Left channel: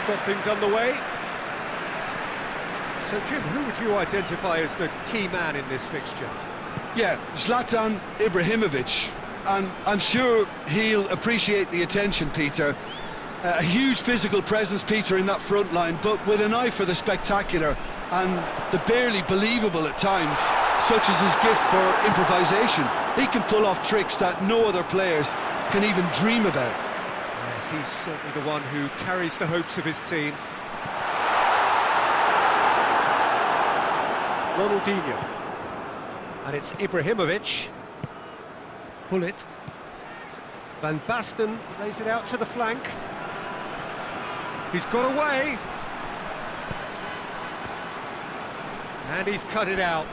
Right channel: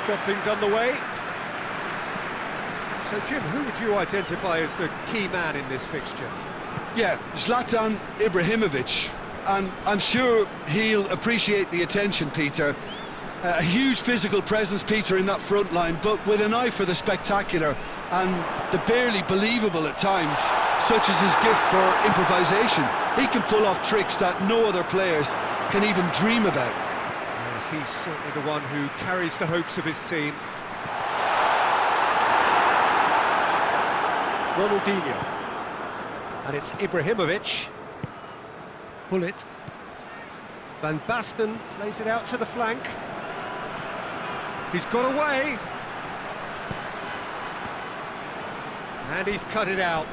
That's got things underway. So, Jim, who would you identify as the key man in this fixture? Yeah, Zlatan Ibrahimovic, and I'm sure he'll appreciate the attention, Peter. A huge physical presence, Peter, in that front line, but with an eye for the spectacular and the barely believable at times, such as his gift for improvisation. He can pull off tricks that no other players can even dream about. Yes, he's certainly the one who carries the hopes of his team. Ronaldinho. And it's Ibrahimovic. Gullit. Van Basten plays it out to the flank. He's got away. And he's cut it out.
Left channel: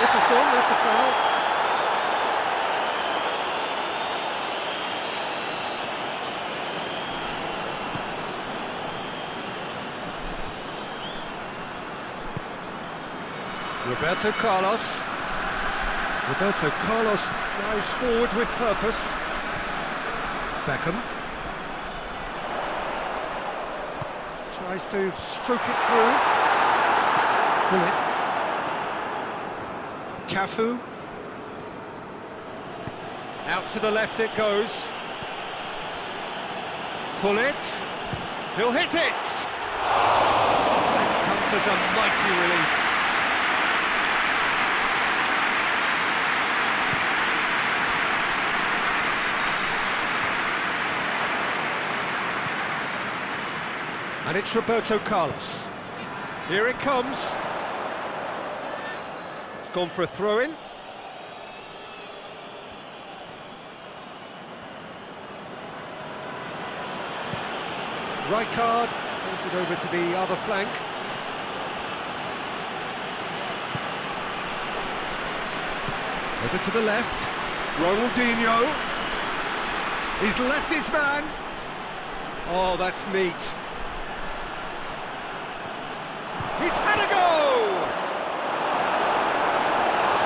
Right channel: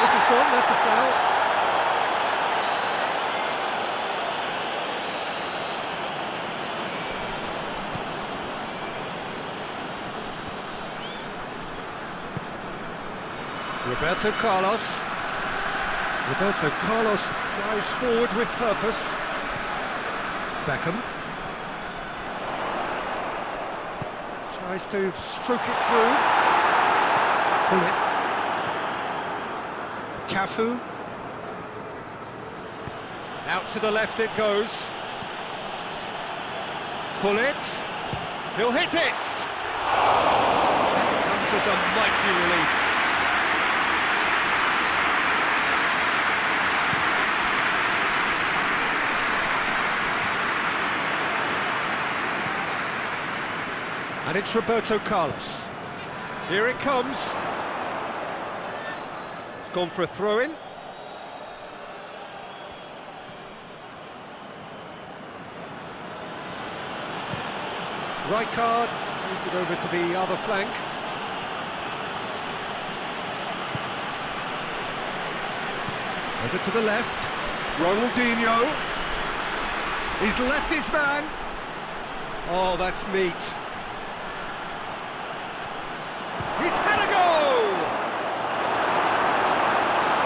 This is gone, that's a foul. Roberto Carlos. Roberto Carlos drives forward with purpose. Beckham. Tries to stroke it through. Gullit. Cafu. Out to the left it goes. Gullit. He'll hit it! That comes as a mighty relief. And it's Roberto Carlos. Here it comes. It's gone for a throw-in. Rijkaard plays it over to the other flank. Over to the left. Ronaldinho. He's left his man. Oh, that's neat. He's had a go!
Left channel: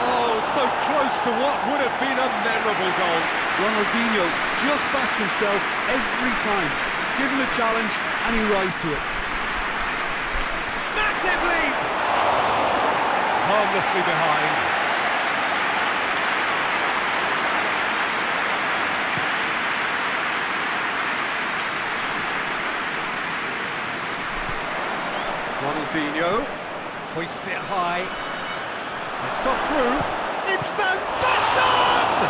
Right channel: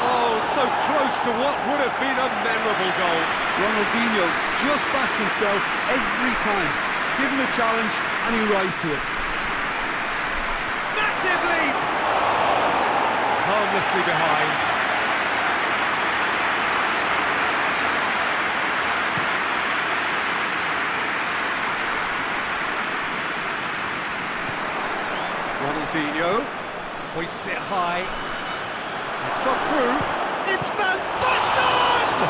Oh, so close to what would have been a memorable goal. Ronaldinho just backs himself every time. Give him a challenge and he rises to it. Massive leap! Harmlessly behind. Ronaldinho hoists it high. It's got through. It's Van Basten!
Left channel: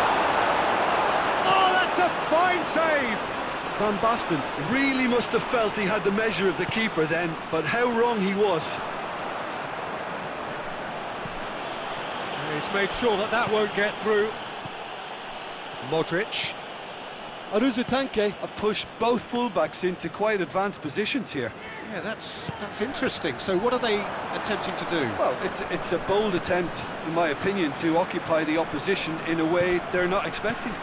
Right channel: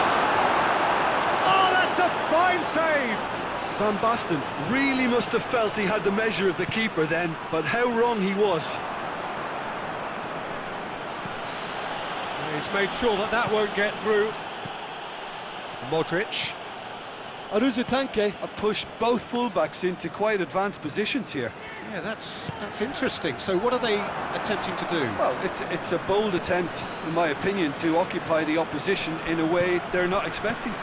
Oh, that's a fine save! Van Basten really must have felt he had the measure of the keeper then, but how wrong he was. He's made sure that that won't get through. Modric. Aruzatanke have pushed both fullbacks into quite advanced positions here. Yeah, that's interesting. So what are they attempting to do? Well, it's a bold attempt, in my opinion, to occupy the opposition in a way they're not expecting.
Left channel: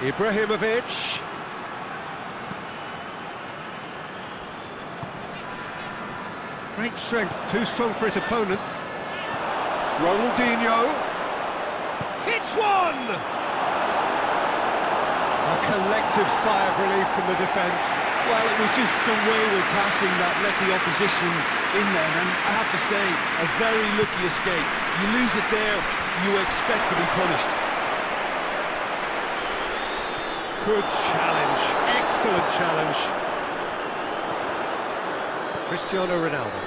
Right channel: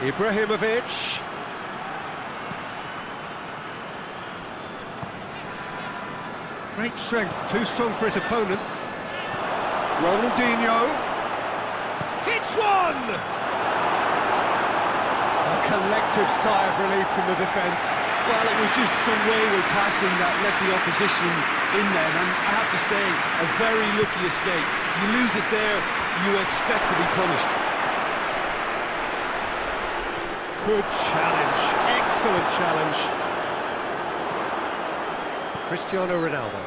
Ibrahimovic. Great strength, too strong for his opponent. Ronaldinho. Hits one! A collective sigh of relief from the defence. Well, it was just some wayward passing that let the opposition in then, and I have to say, a very lucky escape. You lose it there, you expect to be punished. Good challenge, excellent challenge. Cristiano Ronaldo.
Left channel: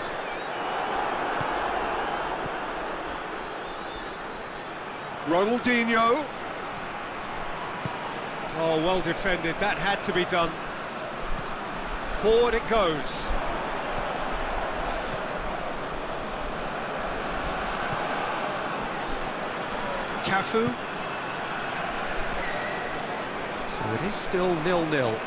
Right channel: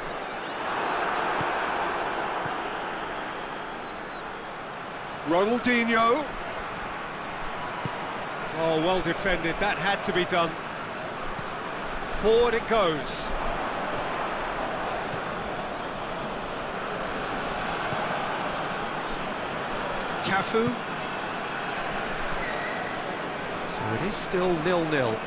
Ronaldinho. Oh, well defended, that had to be done. Forward it goes. Cafu. So it is still 0-0.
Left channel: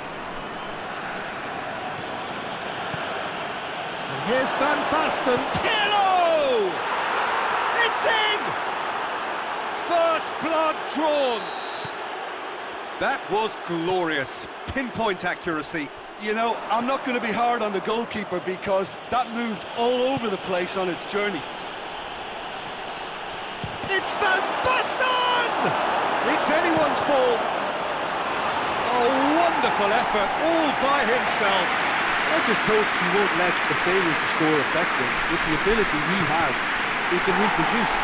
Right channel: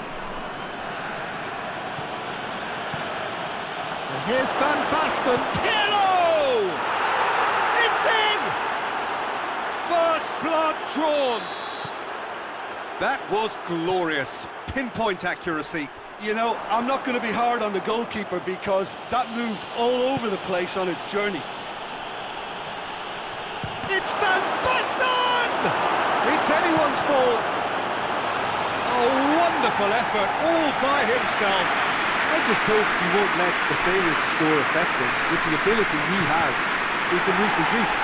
And here's Van Basten. Pirlo! It's in! First blood drawn. That was glorious. Pinpoint accuracy. You know, I'm not going to be hard on the goalkeeper because that moved all over the place on its journey. It's Van Basten! It's anyone's ball. Oh, wonderful effort, all by himself. I just hope he won't let the failure to score affect him. With the ability he has, he can reproduce.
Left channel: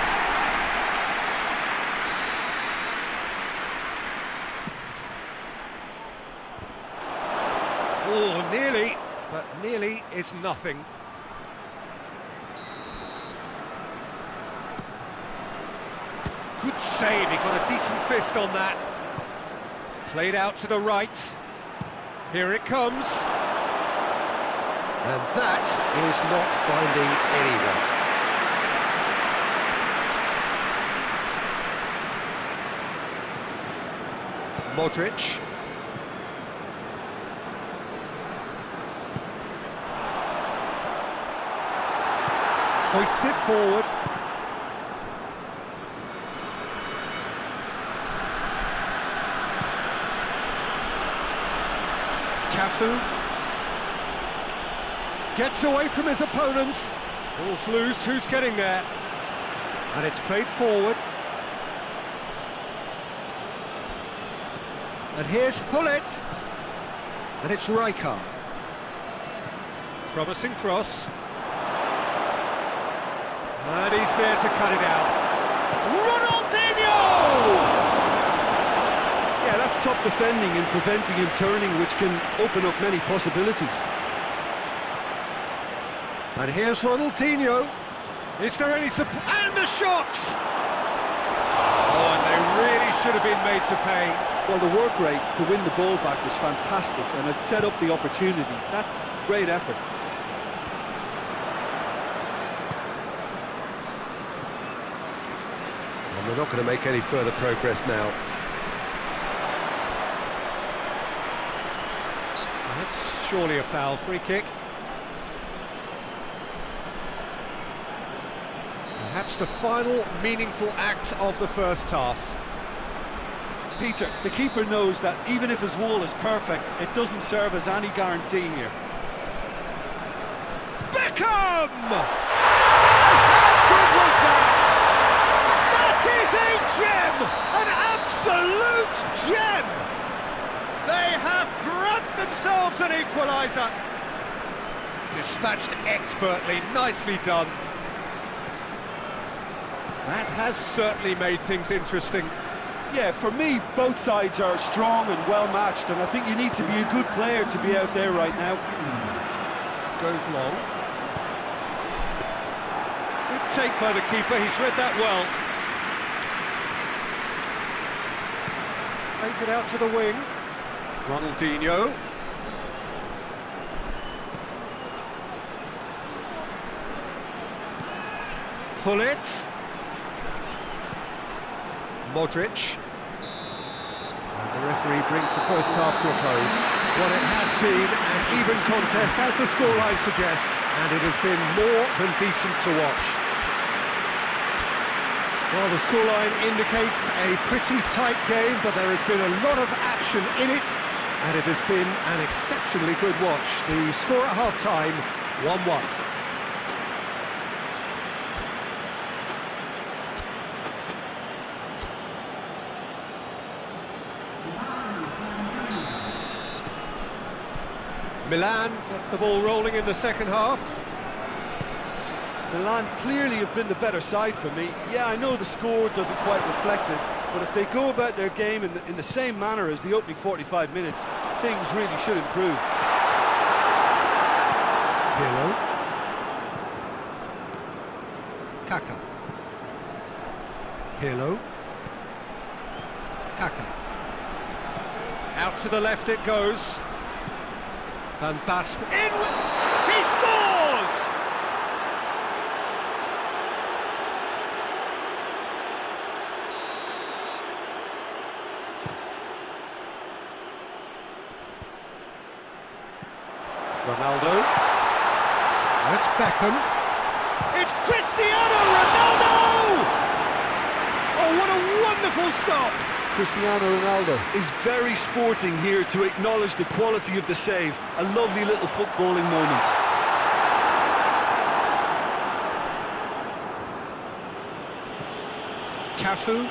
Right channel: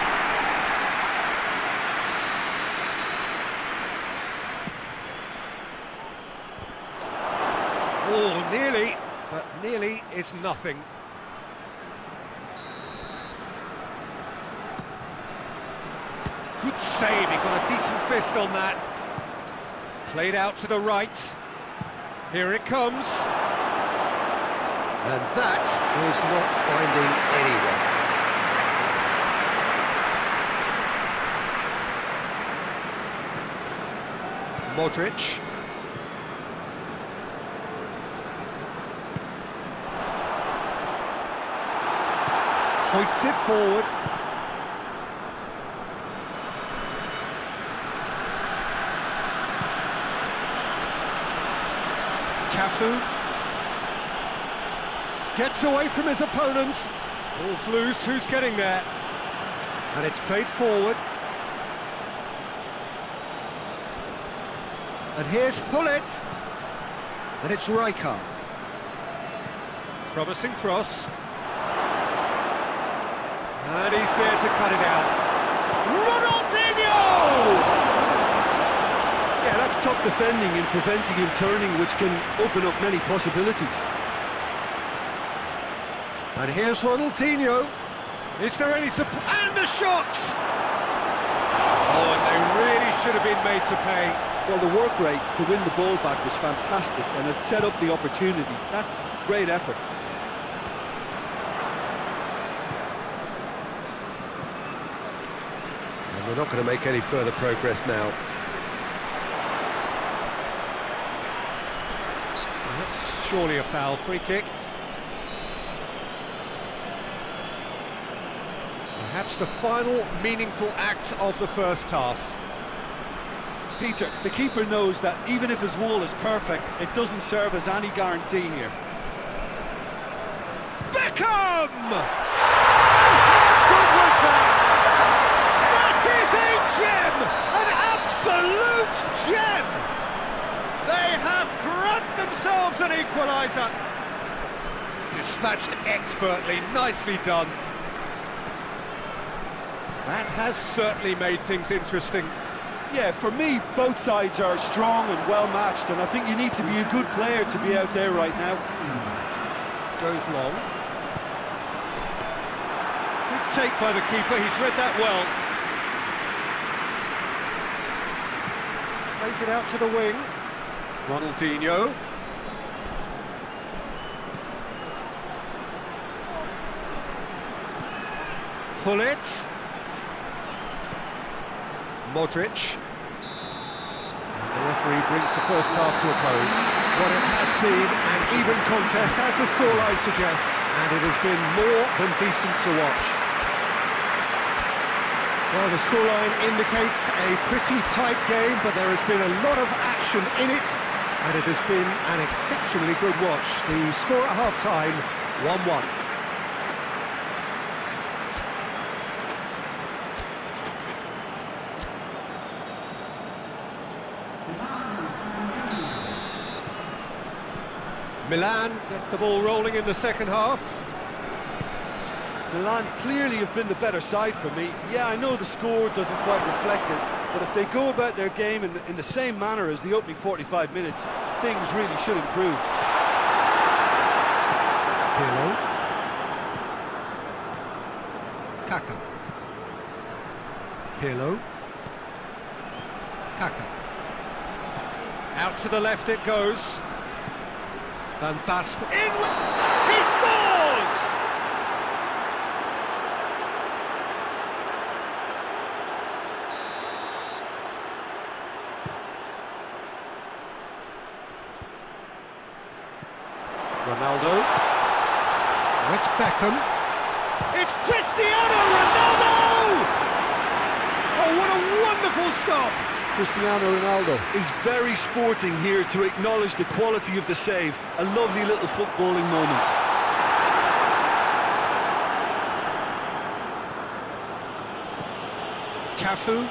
Oh, nearly, but nearly is nothing. Good save, he got a decent fist on that. Played out to the right. Here it comes. And that is not finding anyone. Modric. Hoists it forward. Cafu. Gets away from his opponents. Ball's loose, who's getting there? And it's played forward. And here's Hullet. And it's Rijkaard. Promising cross. And he's there to cut it out. Ronaldinho! Yeah, that's top defending and preventing him turning, which can open up many possibilities. And here's Ronaldinho. Is there any support? And the shot! Oh, and they really should have been made to pay. Well, the work rate to win the ball back was fantastic, and it set up the opportunity. That's great effort. And we're not going to make any further progress now. That's surely a foul. Free kick. Perhaps the final meaningful act of the first half. Peter, the keeper knows that even if his wall is perfect, it doesn't serve as any guarantee here. Beckham! And how good was that? That is a gem! An absolute gem! They have grabbed themselves an equaliser. Dispatched expertly, nicely done. That has certainly made things interesting. Yeah, for me, both sides are strong and well-matched, and I think you need to be a good player to be out there right now. Goes long. Good take by the keeper, he's read that well. Plays it out to the wing. Ronaldinho. Hullet. Modric. And the referee brings the first half to a close. Well, it has been an even contest, as the scoreline suggests, and it has been more than decent to watch. Well, the scoreline indicates a pretty tight game, but there has been a lot of action in it, and it has been an exceptionally good watch. The score at half-time, 1-1. Milan get the ball rolling in the second half. Milan clearly have been the better side for me. Yeah, I know the score doesn't quite reflect it, but if they go about their game in the same manner as the opening 45 minutes, things really should improve. Pirlo. Kaka. Pirlo. Kaka. Out to the left it goes. Van Basten in with... He scores! Ronaldo. Now it's Beckham. It's Cristiano Ronaldo! Oh, what a wonderful stop! Cristiano Ronaldo is very sporting here to acknowledge the quality of the save. A lovely little footballing moment. Cafu.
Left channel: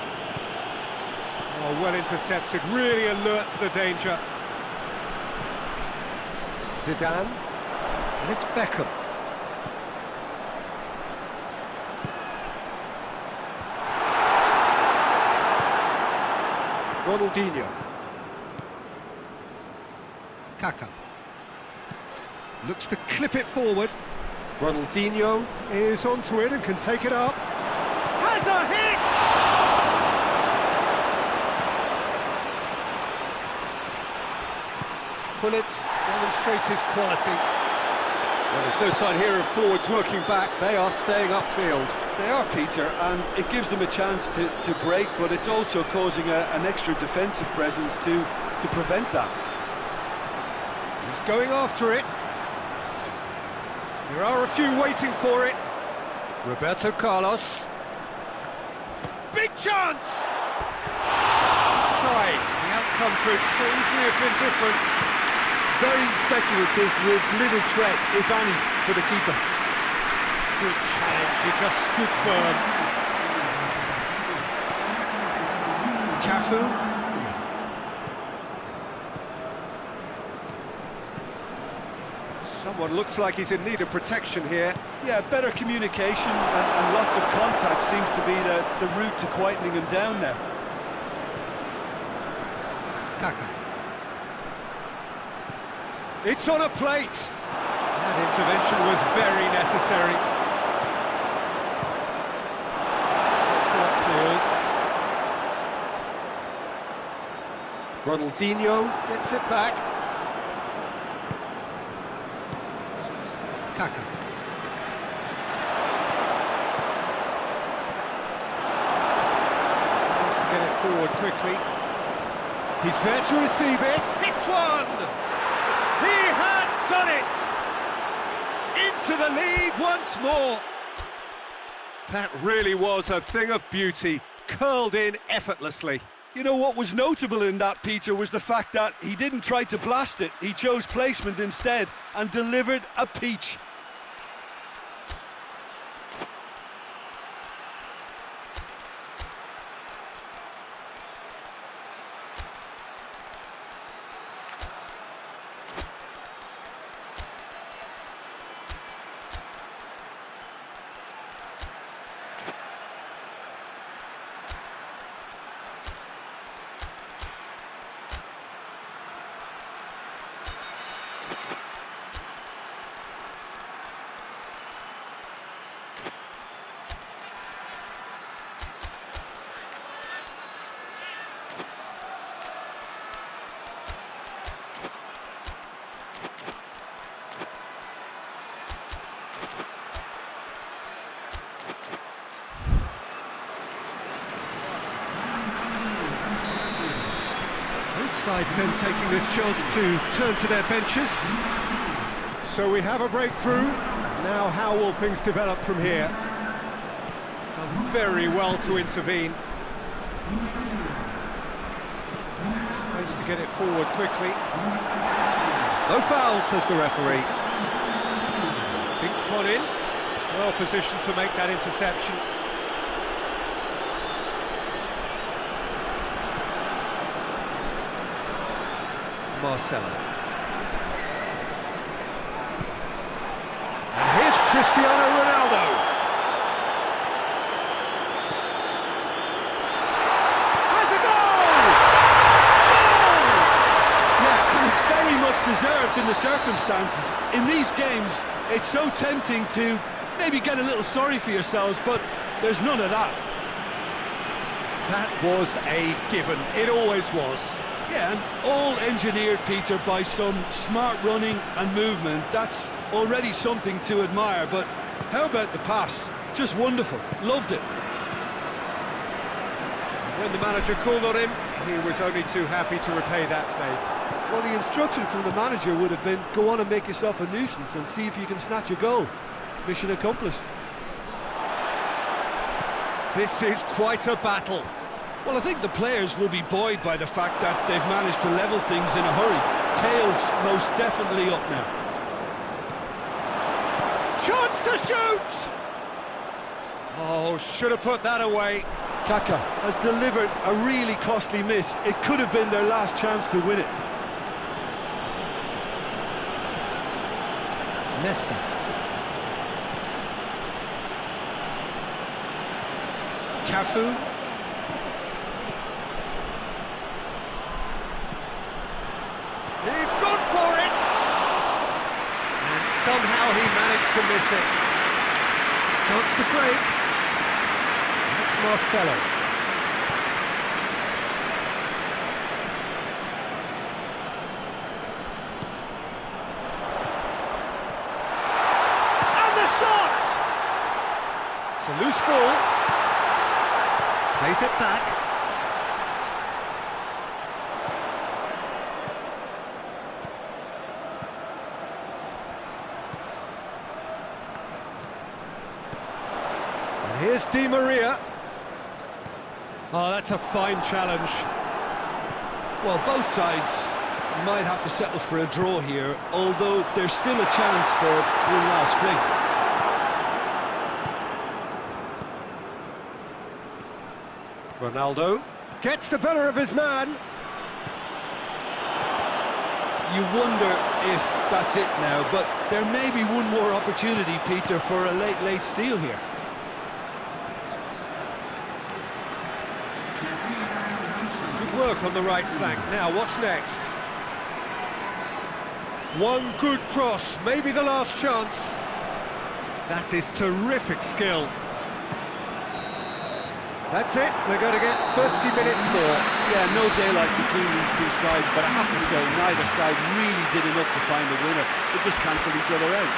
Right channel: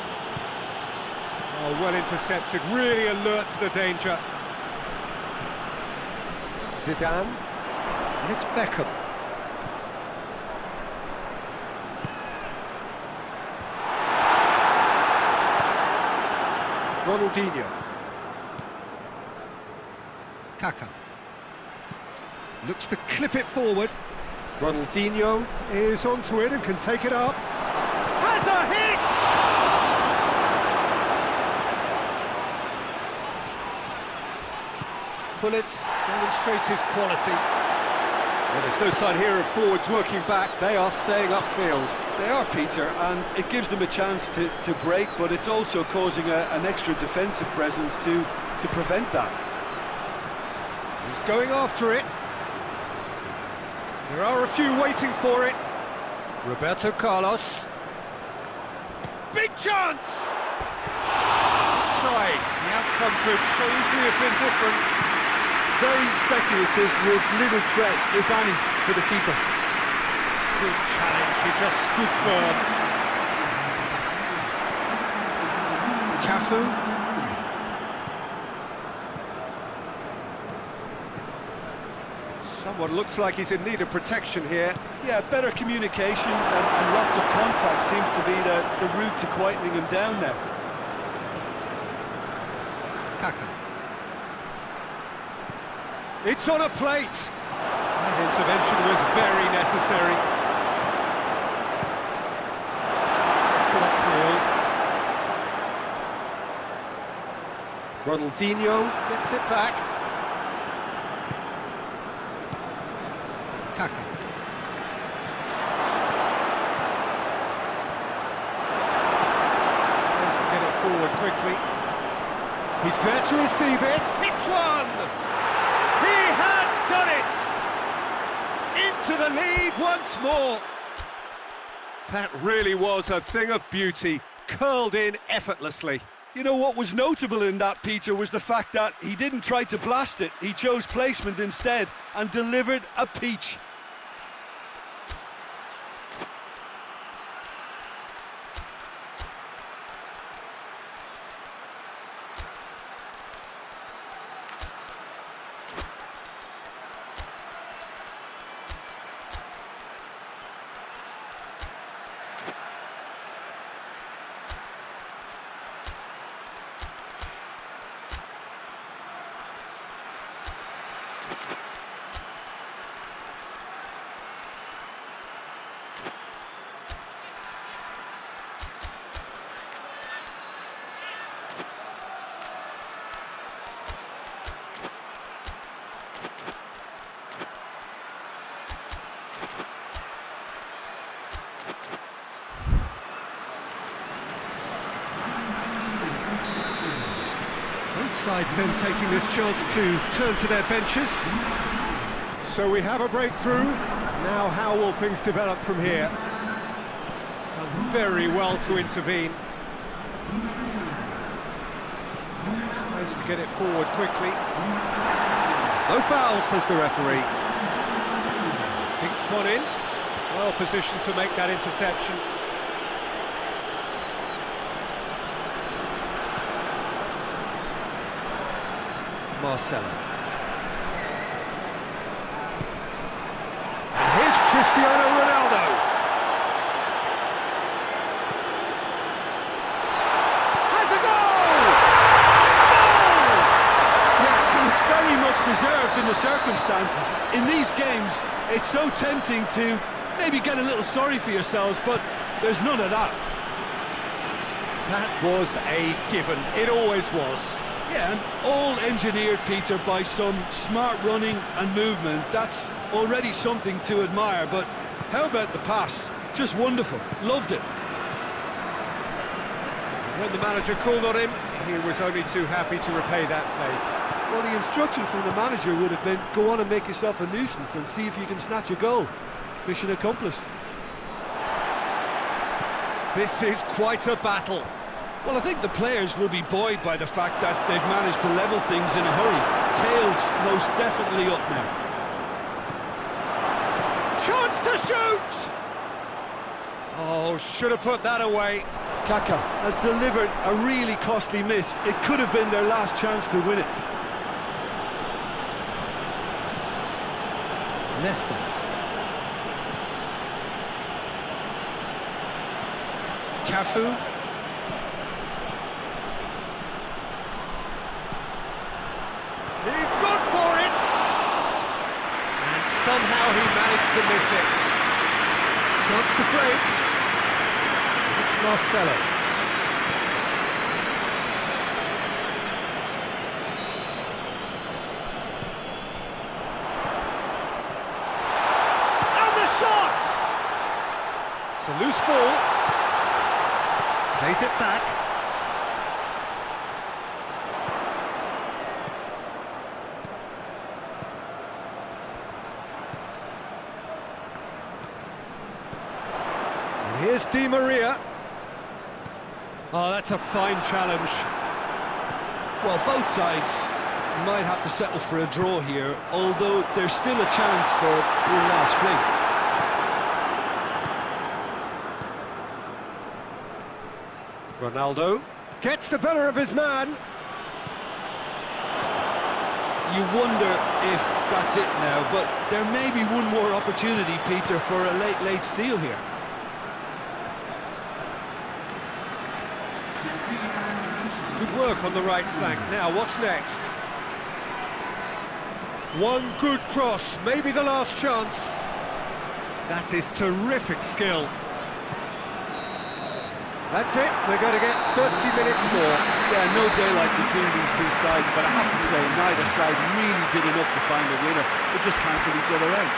Oh, well intercepted, really alert to the danger. Zidane. And it's Beckham. Ronaldinho. Kaká. Looks to clip it forward. Ronaldinho is onto it and can take it up. Has a hit! Pullet demonstrates his quality. Well, there's no sign here of forwards working back. They are staying upfield. They are, Peter, and it gives them a chance to break, but it's also causing an extra defensive presence to prevent that. He's going after it. There are a few waiting for it. Roberto Carlos. Big chance! Try. The outcome could so easily have been different. Very speculative with little threat, if any, for the keeper. Good challenge, he just stood firm. Cafu. Someone looks like he's in need of protection here. Yeah, better communication and lots of contact seems to be the route to quietening him down now. Kaká. It's on a plate! That intervention was very necessary. Gets it upfield. Ronaldinho gets it back. Kaká. Tries to get it forward quickly. He's there to receive it. Hits one! He has done it! Into the lead once more. That really was a thing of beauty, curled in effortlessly. You know what was notable in that, Peter, was the fact that he didn't try to blast it. He chose placement instead and delivered a peach. Both sides then taking this chance to turn to their benches. So we have a breakthrough. Now how will things develop from here? Done very well to intervene. Tries to get it forward quickly. No foul, says the referee. Dinks one in. Well positioned to make that interception. Marcelo. And here's Cristiano Ronaldo. Has a goal! Goal! Yeah, and it's very much deserved in the circumstances. In these games, it's so tempting to maybe get a little sorry for yourselves, but there's none of that. That was a given. It always was. Yeah, and all engineered, Peter, by some smart running and movement. That's already something to admire, but how about the pass? Just wonderful. Loved it. When the manager called on him, he was only too happy to repay that faith. Well, the instruction from the manager would have been, go on and make yourself a nuisance and see if you can snatch a goal. Mission accomplished. This is quite a battle. Well, I think the players will be buoyed by the fact that they've managed to level things in a hurry. Tails most definitely up now. Chance to shoot! Oh, should have put that away. Kaká has delivered a really costly miss. It could have been their last chance to win it. Nesta. Cafu. He's gone for it! And somehow he managed to miss it. Chance to break. It's Marcelo. And the shot! It's a loose ball. Plays it back. And here's Di Maria. Oh, that's a fine challenge. Well, both sides might have to settle for a draw here, although there's still a chance for one last fling. Ronaldo gets the better of his man. You wonder if that's it now, but there may be one more opportunity, Peter, for a late steal here. Some good work on the right flank. Now, what's next? One good cross, maybe the last chance. That is terrific skill. That's it, we're going to get 30 minutes more. Yeah, no daylight between these two sides, but I have to say, neither side really did enough to find a winner. They just cancelled each other out.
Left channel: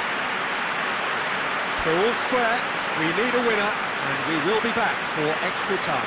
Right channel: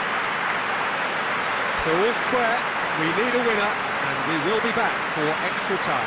So all square, we need a winner, and we will be back for extra time.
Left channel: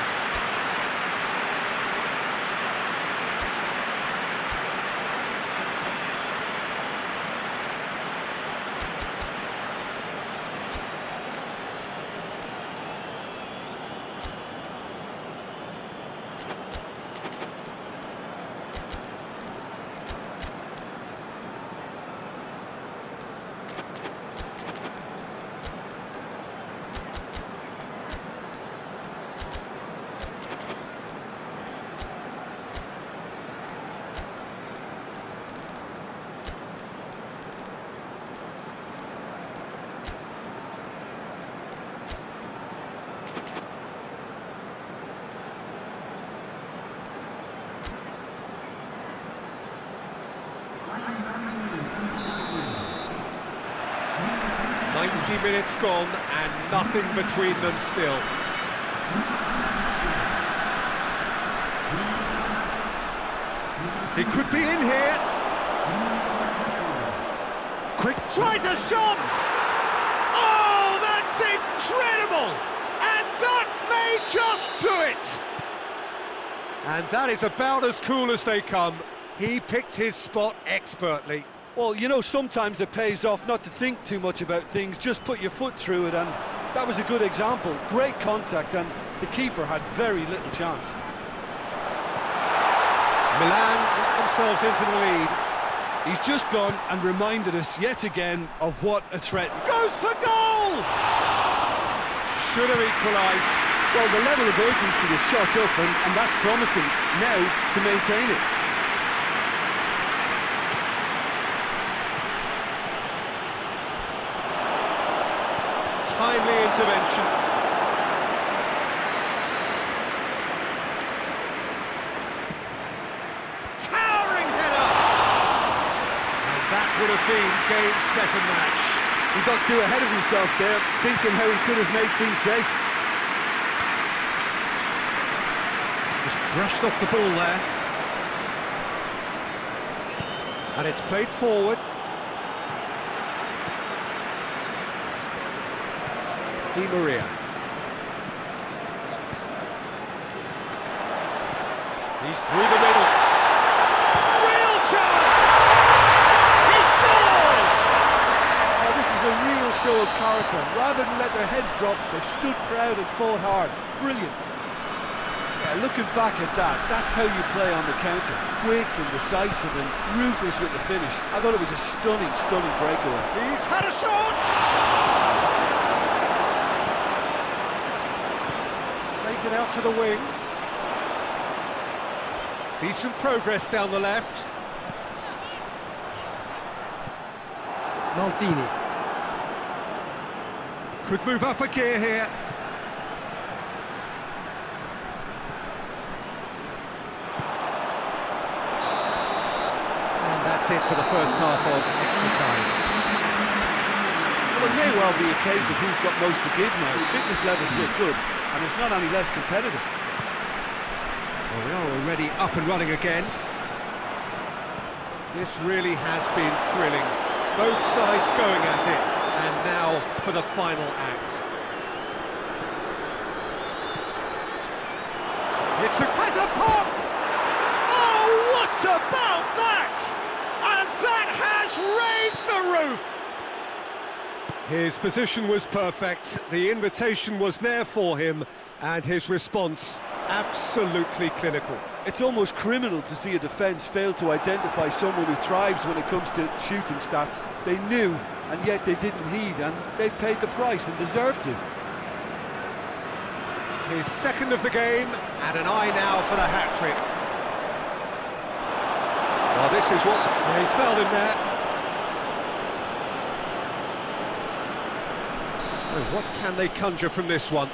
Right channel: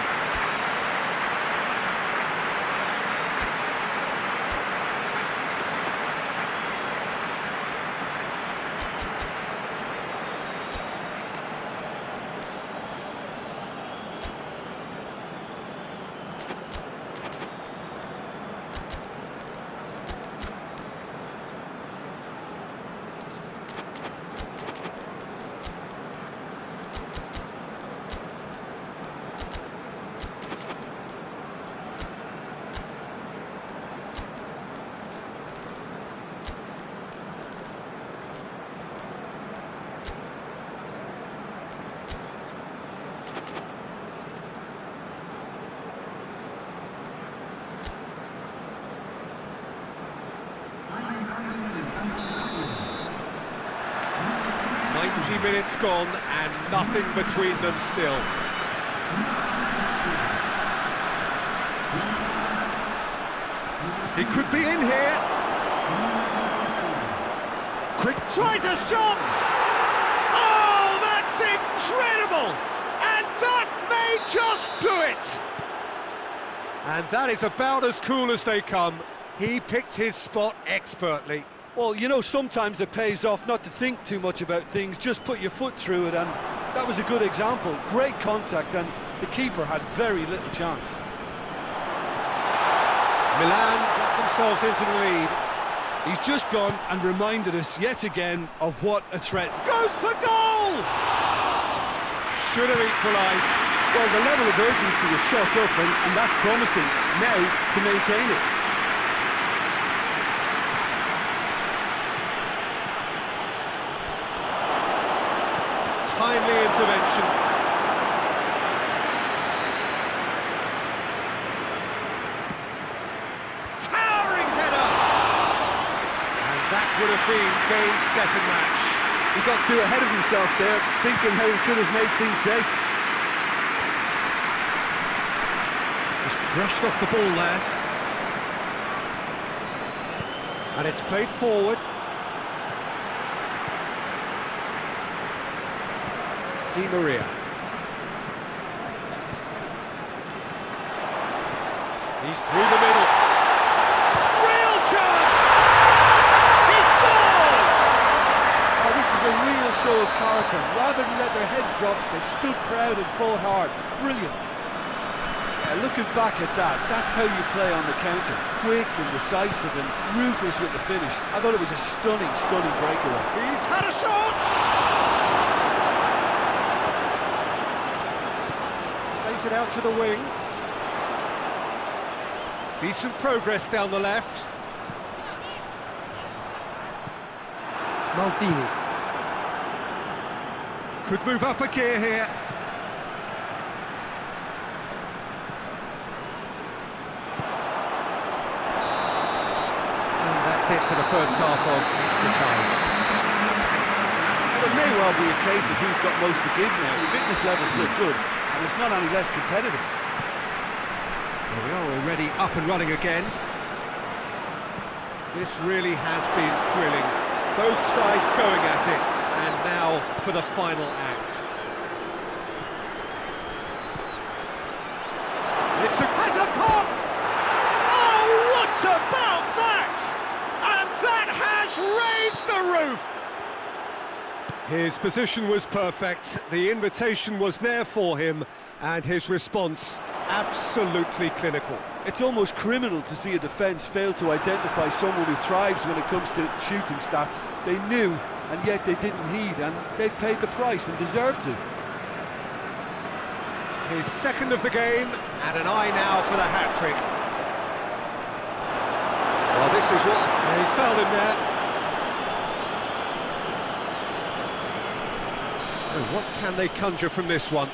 "90 minutes gone and nothing between them still." He could be in here. Quick, tries a shot! Oh, that's incredible! And that may just do it! And that is about as cool as they come. He picked his spot expertly. Well, you know, sometimes it pays off not to think too much about things, just put your foot through it, and that was a good example. Great contact, and the keeper had very little chance. Milan get themselves into the lead. He's just gone and reminded us yet again of what a threat. Goes for goal! Should have equalised. Well, the level of urgency is shot up, and that's promising now to maintain it. Timely intervention. Towering header! And that would have been game, set and match. He got too ahead of himself there, thinking how he could have made things safe. Just brushed off the ball there. And it's played forward. Di Maria. He's through the middle. Real chance! He scores! Oh, this is a real show of character. Rather than let their heads drop, they've stood proud and fought hard. Brilliant. Yeah, looking back at that, that's how you play on the counter. Quick and decisive and ruthless with the finish. I thought it was a stunning, stunning breakaway. He's had a shot! Plays it out to the wing. Decent progress down the left. Maldini. Could move up a gear here. And that's it for the first half of extra time. Well, it may well be a case of who's got most to give now. Fitness levels look good, and it's not any less competitive. Well, we are already up and running again. This really has been thrilling. Both sides going at it, and now for the final act. Has a pop! Oh, what about that? And that has raised the roof! His position was perfect, the invitation was there for him, and his response absolutely clinical. It's almost criminal to see a defence fail to identify someone who thrives when it comes to shooting stats. They knew, and yet they didn't heed, and they've paid the price and deserve to. His second of the game, and an eye now for the hat-trick. Well, this is what... Yeah, he's fouled him there. So what can they conjure from this one?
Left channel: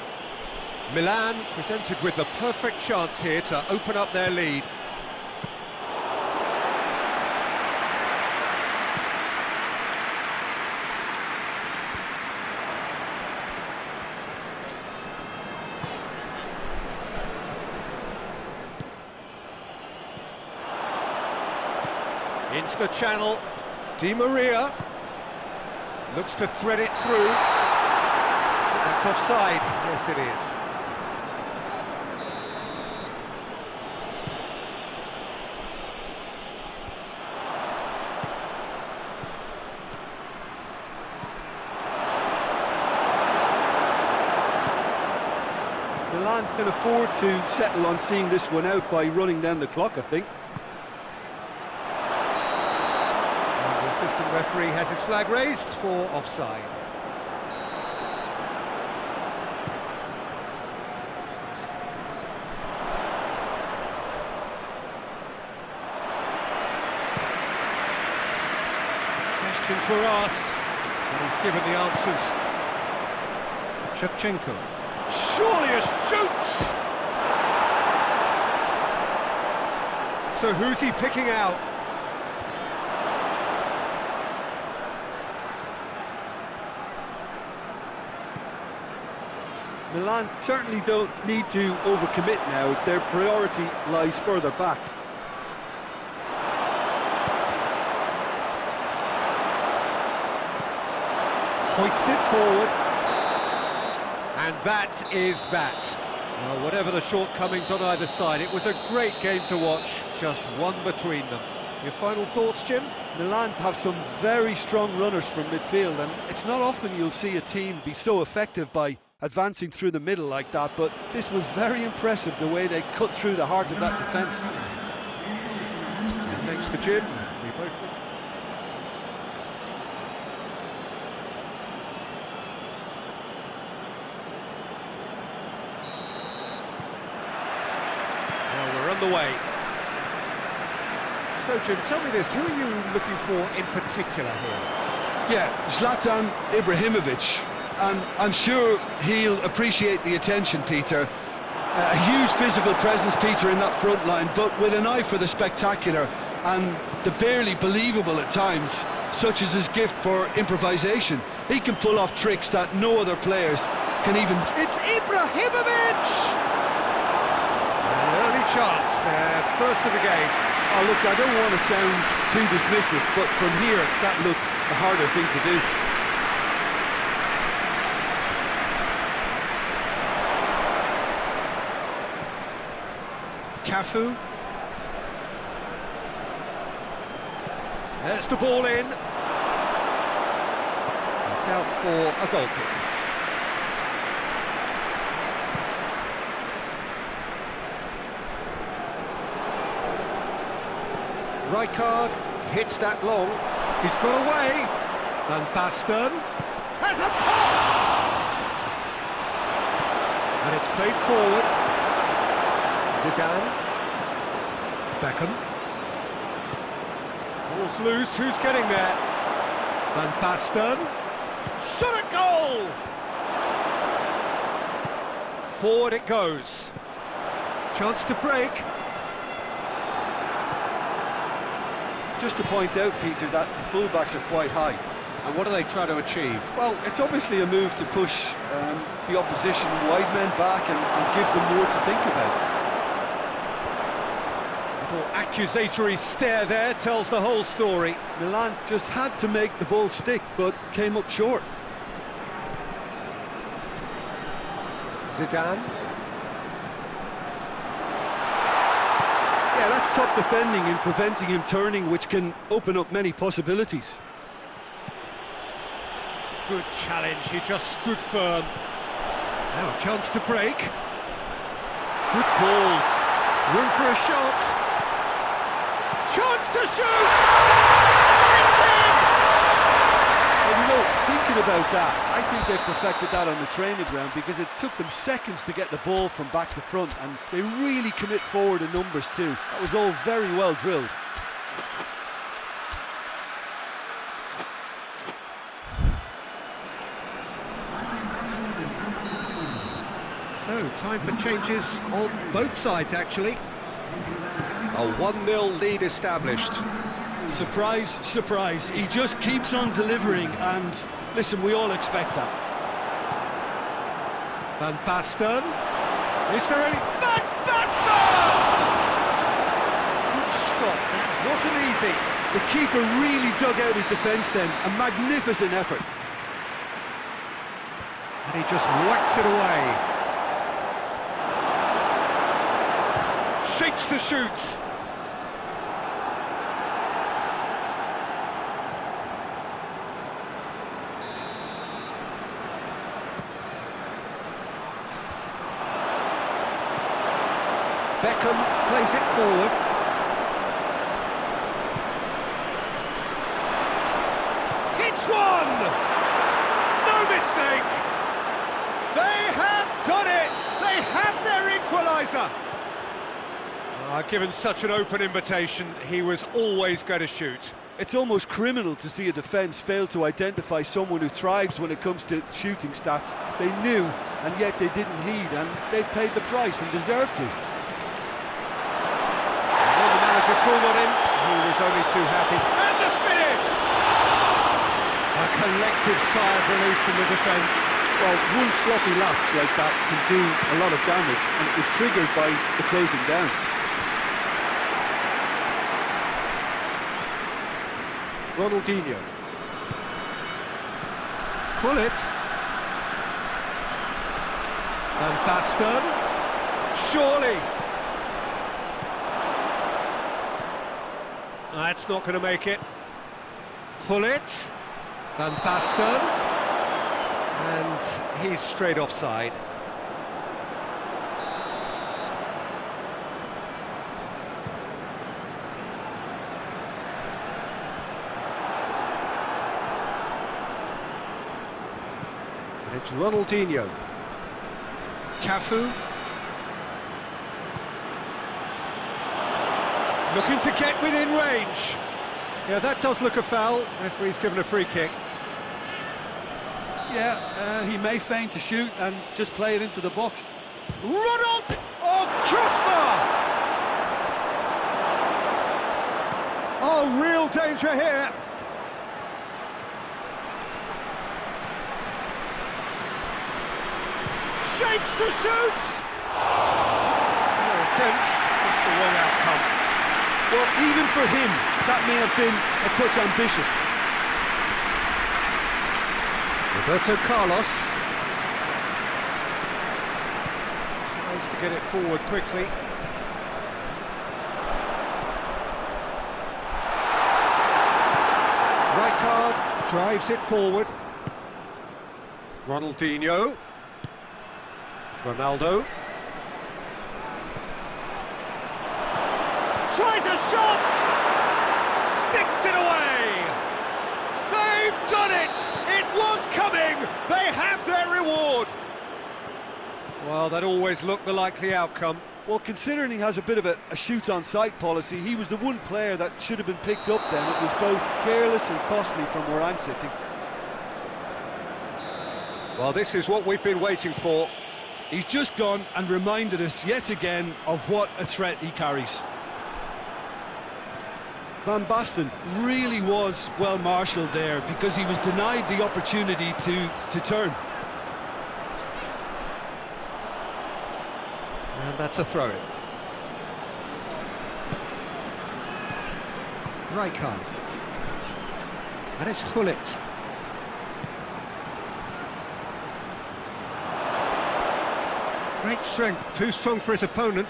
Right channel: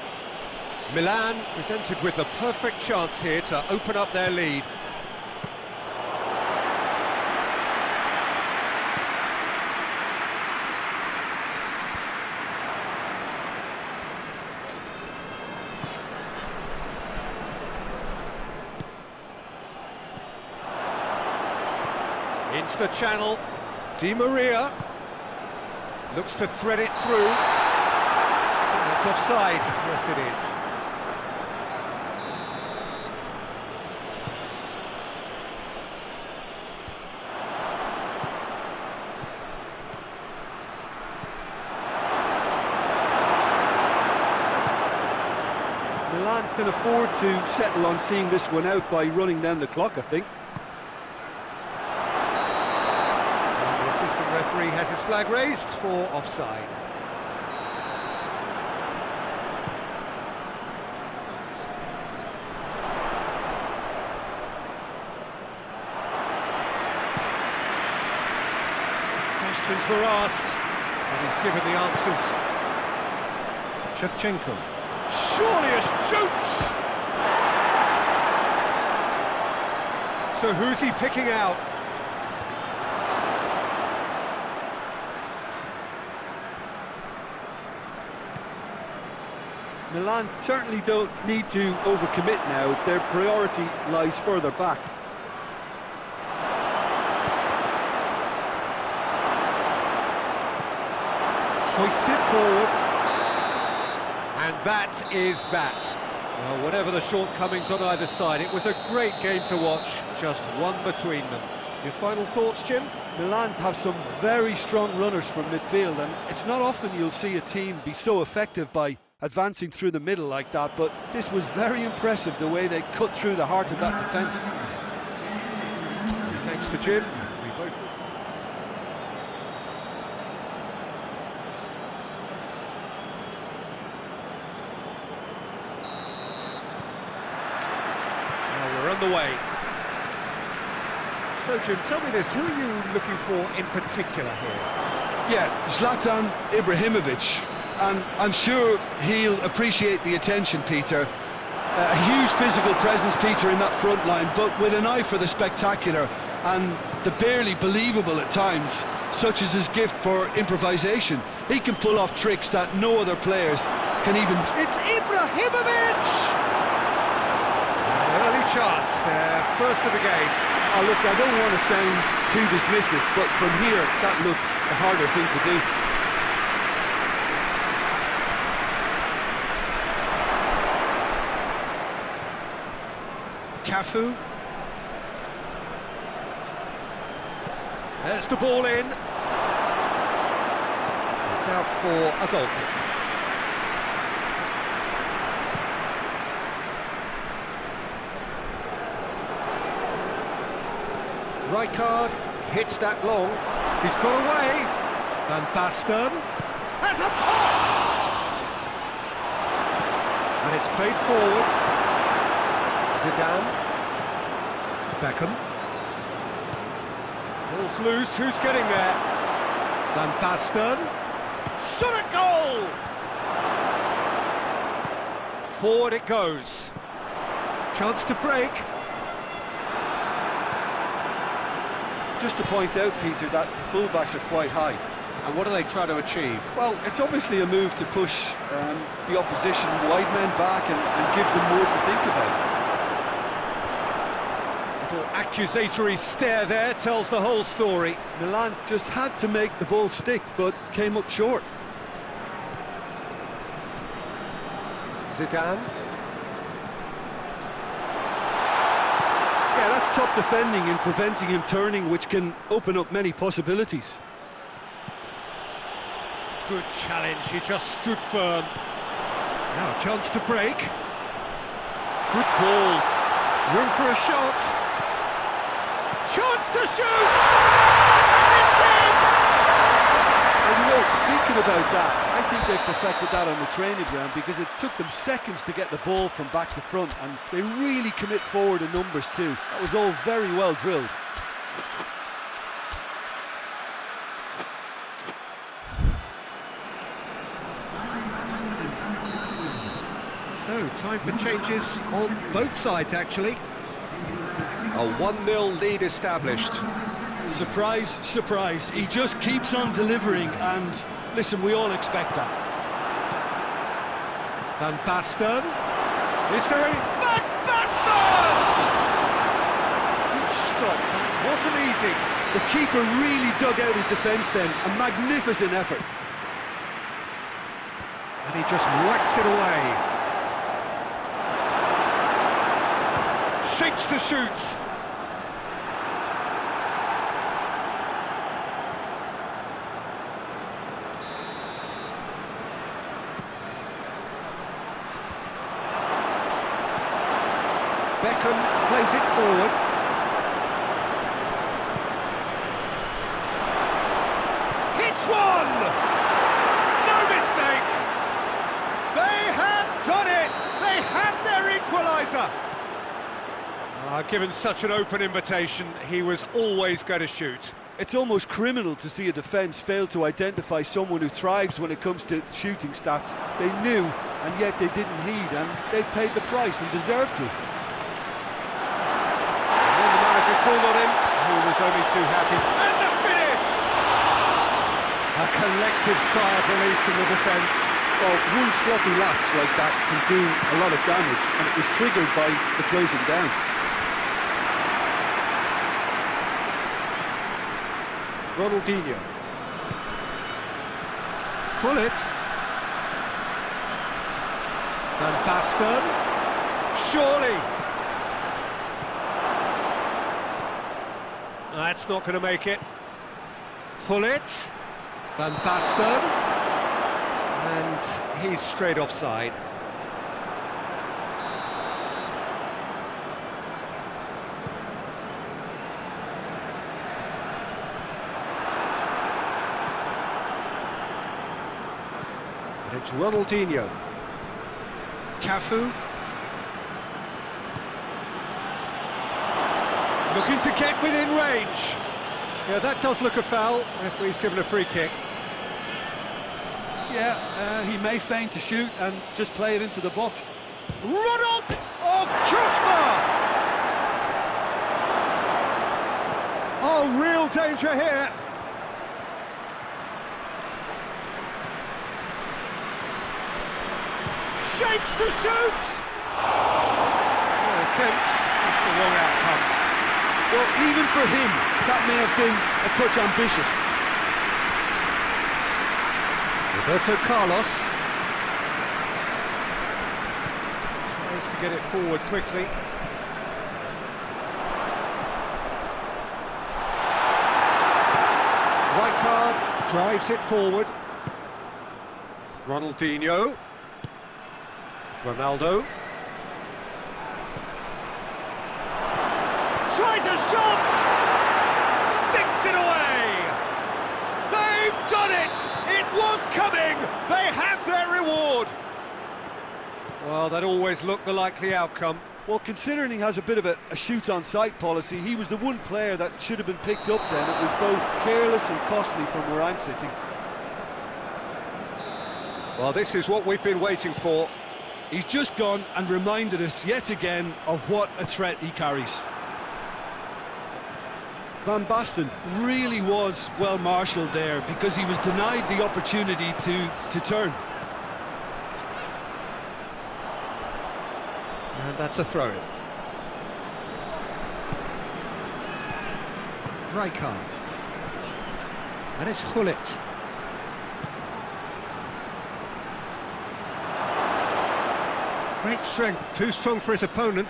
Milan presented with the perfect chance here to open up their lead. Into the channel, Di Maria looks to thread it through. I think that's offside, yes it is. Milan can afford to settle on seeing this one out by running down the clock, I think. And the assistant referee has his flag raised for offside. Questions were asked, but he's given the answers. Shevchenko. Surely a shoots! So who's he picking out? Milan certainly don't need to overcommit now. Their priority lies further back. Hoists it forward. And that is that. Well, whatever the shortcomings on either side, it was a great game to watch, just one between them. Your final thoughts, Jim? Milan have some very strong runners from midfield, and it's not often you'll see a team be so effective by advancing through the middle like that, but this was very impressive, the way they cut through the heart of that defence. Well, thanks to Jim, we both wish... Well, we're on the way. So, Jim, tell me this, who are you looking for in particular here? Yeah, Zlatan Ibrahimovic, and I'm sure he'll appreciate the attention, Peter. A huge physical presence, Peter, in that front line, but with an eye for the spectacular and the barely believable at times, such as his gift for improvisation. He can pull off tricks that no other players can even... It's Ibrahimovic! An early chance, their first of the game. Oh, look, I don't want to sound too dismissive, but from here, that looked the harder thing to do. Cafu. There's the ball in. It's out for a goal kick. Rijkaard hits that long. He's got away. Van Basten has a pop! And it's played forward. Zidane. Beckham. Ball's loose, who's getting there? Van Basten. Shot at goal! Forward it goes. Chance to break. Just to point out, Peter, that the fullbacks are quite high. And what do they try to achieve? Well, it's obviously a move to push the opposition wide men back and give them more to think about. Little accusatory stare there tells the whole story. Milan just had to make the ball stick, but came up short. Zidane. Yeah, that's top defending and preventing him turning, which can open up many possibilities. Good challenge, he just stood firm. Now a chance to break. Good ball. Room for a shot. Chance to shoot! It's in! Well, you know, thinking about that, I think they've perfected that on the training ground, because it took them seconds to get the ball from back to front, and they really commit forward in numbers too. That was all very well drilled. So, time for changes on both sides, actually. A 1-0 lead established. Surprise, surprise. He just keeps on delivering, and listen, we all expect that. Van Basten. Is there any... Van Basten! Good stop, that wasn't easy. The keeper really dug out his defence then. A magnificent effort. And he just whacks it away. Shapes to shoot. Beckham plays it forward. Hits one! No mistake! They have done it! They have their equaliser! Given such an open invitation, he was always going to shoot. It's almost criminal to see a defence fail to identify someone who thrives when it comes to shooting stats. They knew, and yet they didn't heed, and they've paid the price and deserve to. And when the manager called on him, he was only too happy. And the finish! A collective sigh of relief from the defence. Well, one sloppy lapse like that can do a lot of damage, and it was triggered by the closing down. Ronaldinho. Pull it. Van Basten. Surely. That's not going to make it. Pull it. Van Basten. And he's straight offside. But it's Ronaldinho. Cafu. Looking to get within range. Yeah, that does look a foul. Referee's given a free kick. Yeah, he may feign to shoot and just play it into the box. Ronald! Oh, crossbar! Oh, real danger here. Shapes to shoot! No attempt, just the wrong outcome. Well, even for him, that may have been a touch ambitious. Roberto Carlos tries to get it forward quickly. Rijkaard drives it forward. Ronaldinho. Ronaldo. Tries a shot! Sticks it away! They've done it! It was coming! They have their reward! Well, that always looked the likely outcome. Well, considering he has a bit of a shoot-on-sight policy, he was the one player that should have been picked up then. It was both careless and costly from where I'm sitting. Well, this is what we've been waiting for. He's just gone and reminded us yet again of what a threat he carries. Van Basten really was well marshalled there because he was denied the opportunity to turn. And that's a throw-in. Rijkaard. And it's Gullit. Great strength, too strong for his opponent.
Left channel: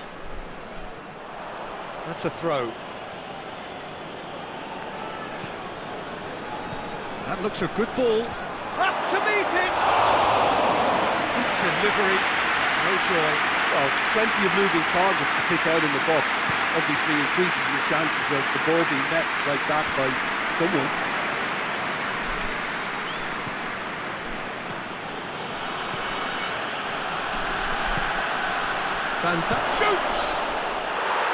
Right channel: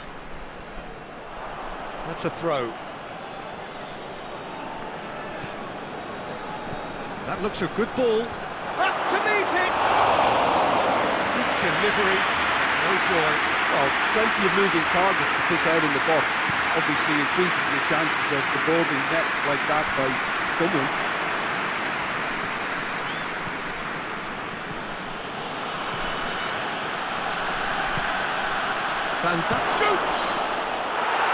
That's a throw. That looks a good ball. Up to meet it! Good delivery, no joy. Well, plenty of moving targets to pick out in the box. Obviously increases the chances of the ball being met like that by someone. Van Basten Shoots!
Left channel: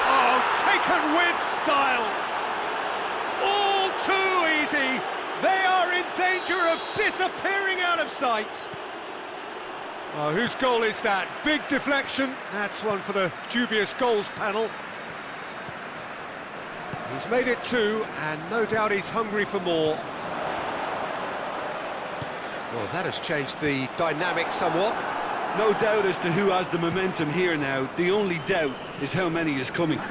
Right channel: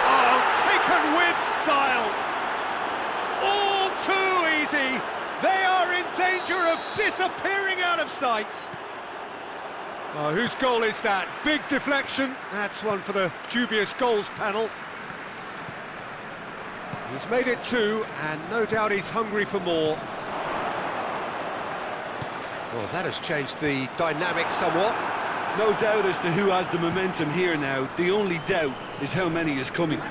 Oh, taken with style! All too easy! They are in danger of disappearing out of sight! Oh, whose goal is that? Big deflection. That's one for the dubious goals panel. He's made it 2, and no doubt he's hungry for more. Well, that has changed the dynamic somewhat. No doubt as to who has the momentum here now. The only doubt is how many is coming.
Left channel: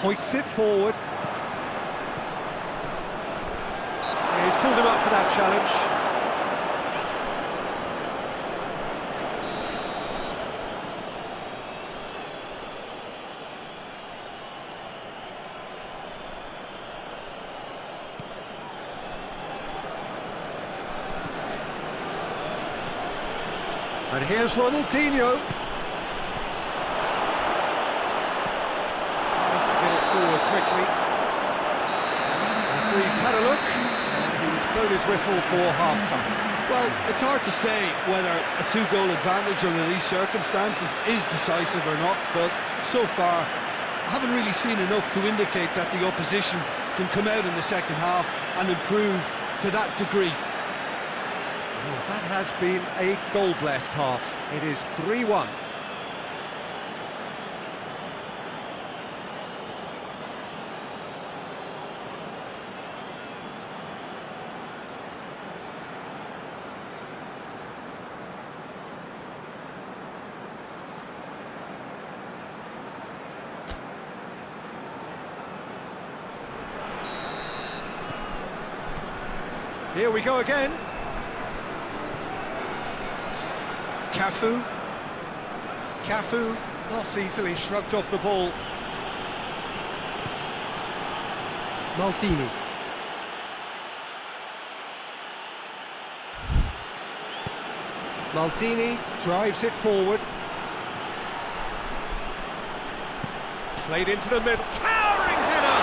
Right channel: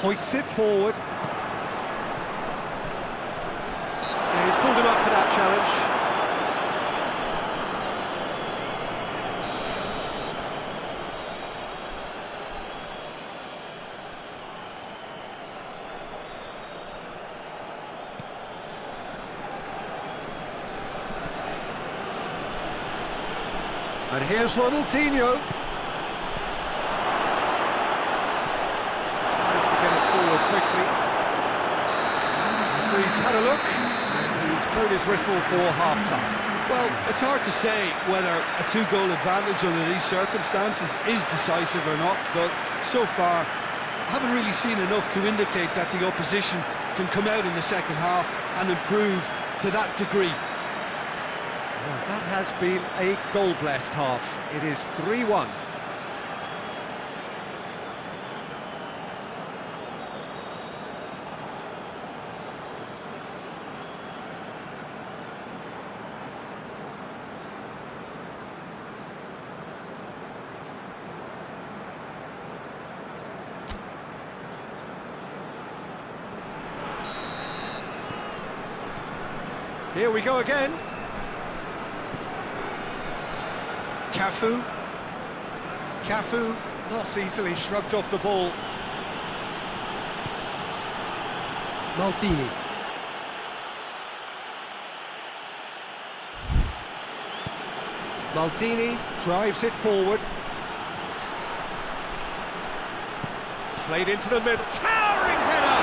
Hoists it forward. Yeah, he's pulled him up for that challenge. And here's Ronaldinho. Tries to get it forward quickly. The referee's had a look, and he's blown his whistle for half-time. Well, it's hard to say whether a 2-goal advantage under these circumstances is decisive or not, but so far I haven't really seen enough to indicate that the opposition can come out in the second half and improve to that degree. Well, that has been a goal-blessed half. It is 3-1. Here we go again. Cafu, not easily shrugged off the ball. Maldini. Maldini drives it forward. Played into the middle. Towering header!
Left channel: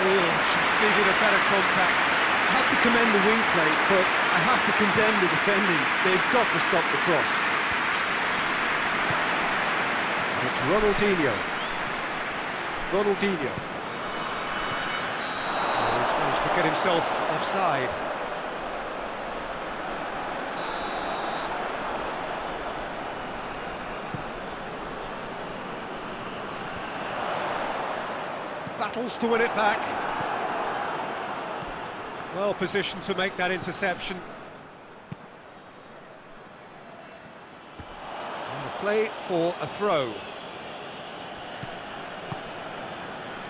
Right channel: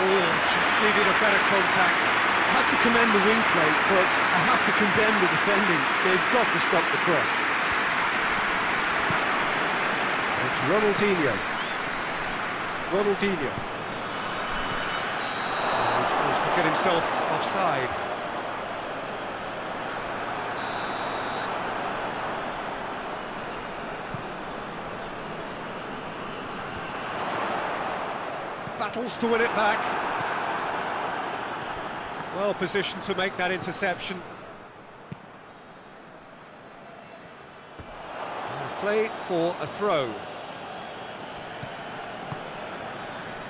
Oh, just needed a better contact. I have to commend the wing play, but I have to condemn the defending. They've got to stop the cross. It's Ronaldinho. Ronaldinho. Oh, he's managed to get himself offside. Battles to win it back. Well positioned to make that interception. Play for a throw.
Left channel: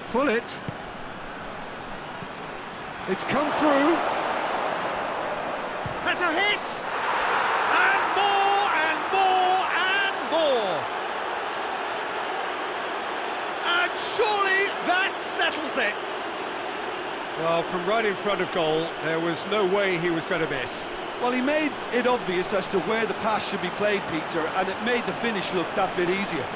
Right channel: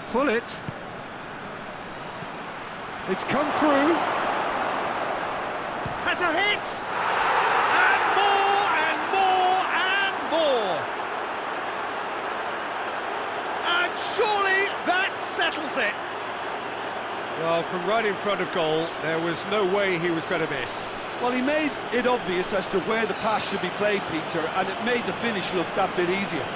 Pull it. It's come through. Has a hit. And more and more and more. And surely that settles it. Well, from right in front of goal, there was no way he was going to miss. Well, he made it obvious as to where the pass should be played, Peter, and it made the finish look that bit easier.